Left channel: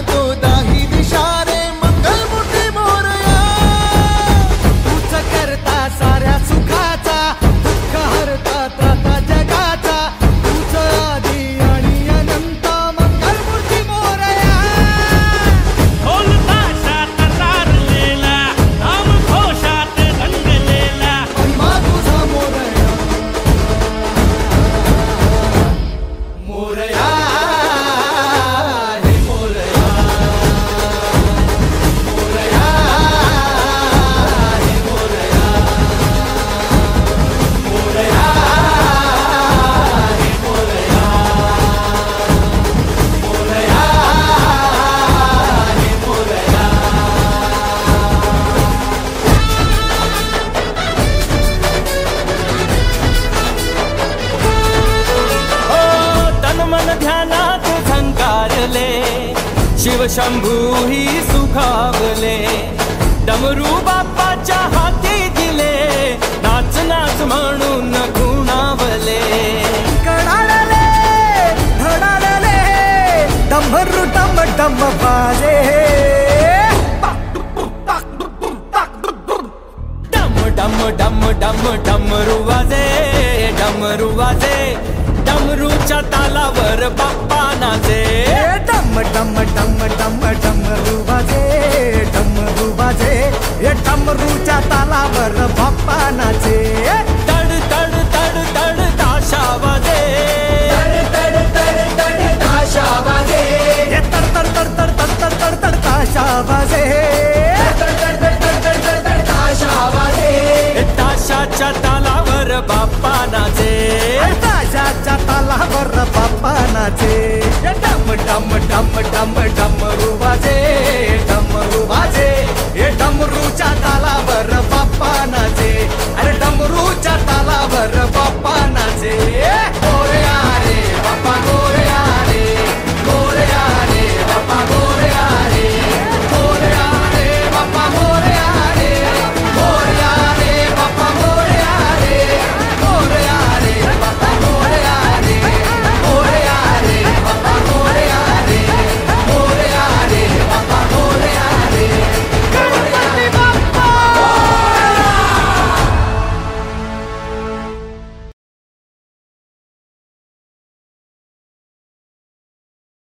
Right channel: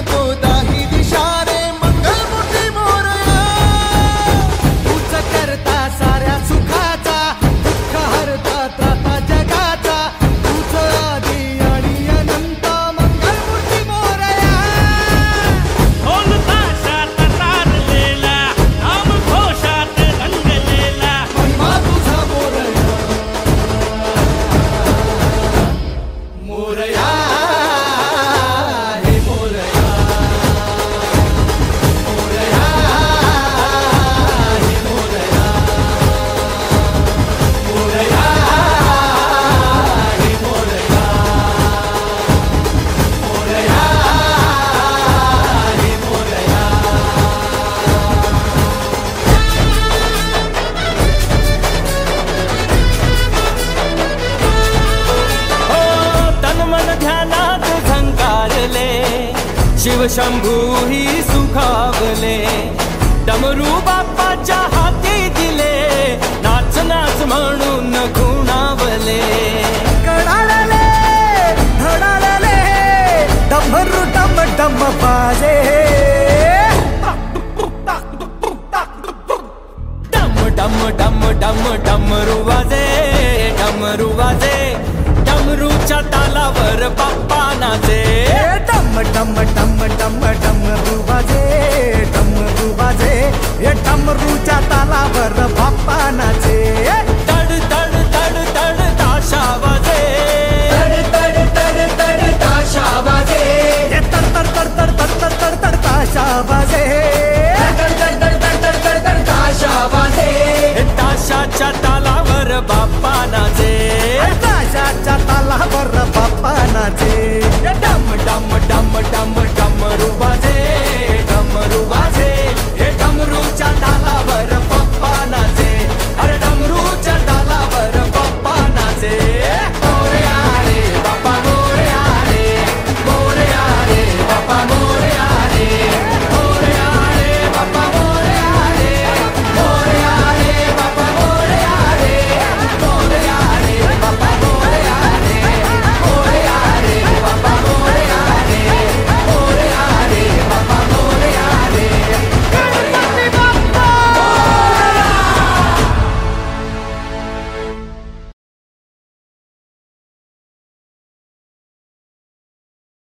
घुमतो दाही दिशा रे मंगलमूर्ती मोरया. तूच करता साऱ्या सुखाचा, दुःख हरता त्राता जगाचा. तूच आदी आणि अनंत मंगलमूर्ती मोरया. ढोल ताशात तारलेला, नाम घोषात रंगलेला, महिमा तुझा मोरया. मोरया हे मोरया. मोरया हे मोरया. मोरया हे मोरया. मोरया हे मोरया. हो तन मन ध्यानात झंकारले, शिव शंभू ही सुखावले. डमरू बाप्पाच्या हाती दिले, नाच नाच म्हणून खुणावले. कडाळले धडाळले डमरू डम डम बाजे. डम डम डम डम डमरू वाजे, डमरू वाजे. डमरूच्या तालावर बाप्पा नाचे. डम डम डम डम डमरू वाजे. डमरू वाजे हे डमरूच्या तालावर बाप्पा नाचे. तड तड तड तड ताशा वाजे. तड तड तड ताशा वाजे. हे तड तड तड तड तड तड तड तड ताशा वाजे. तड तड तड तड तड तड ताशा वाजे. ताशाच्या तालावर बाप्पा नाचे. ताशाच्या तालावर बाप्पा नाचे. डम डम डम डम